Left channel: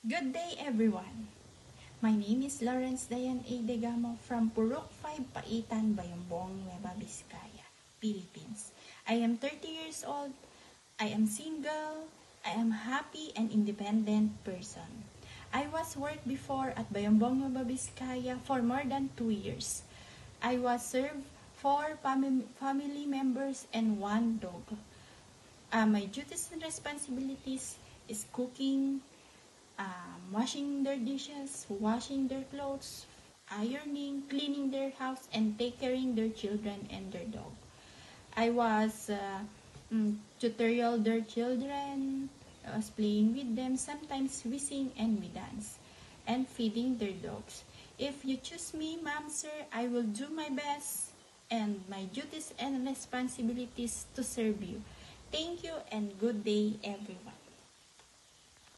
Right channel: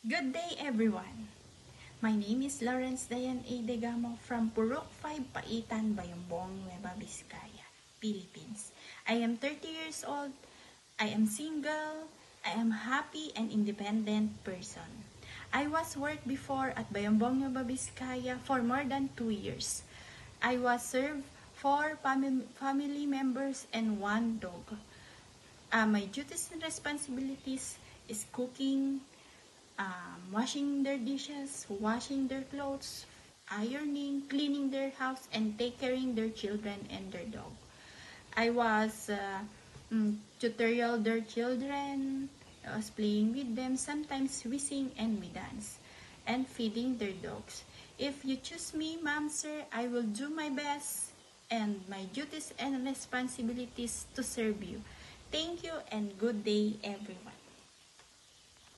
Good day, everyone. My name is Lawrence Dayan A. Degamo from Purok 5, Paitan, Bayambong, Nueva Vizcaya, Philippines. I am 30 years old. I am single. I am happy and independent person. I was worked before at Bayambong, Nueva Vizcaya for more than 2 years. I was served 4 family members and 1 dog. My duties and responsibilities is cooking, washing their dishes, washing their clothes, ironing, cleaning their house, and take caring their children and their dog. I was tutorial their children. I was playing with them. Sometimes we sing and we dance, and feeding their dogs. If you choose me, ma'am, sir, I will do my best and my duties and responsibilities to serve you. Thank you and good day, everyone.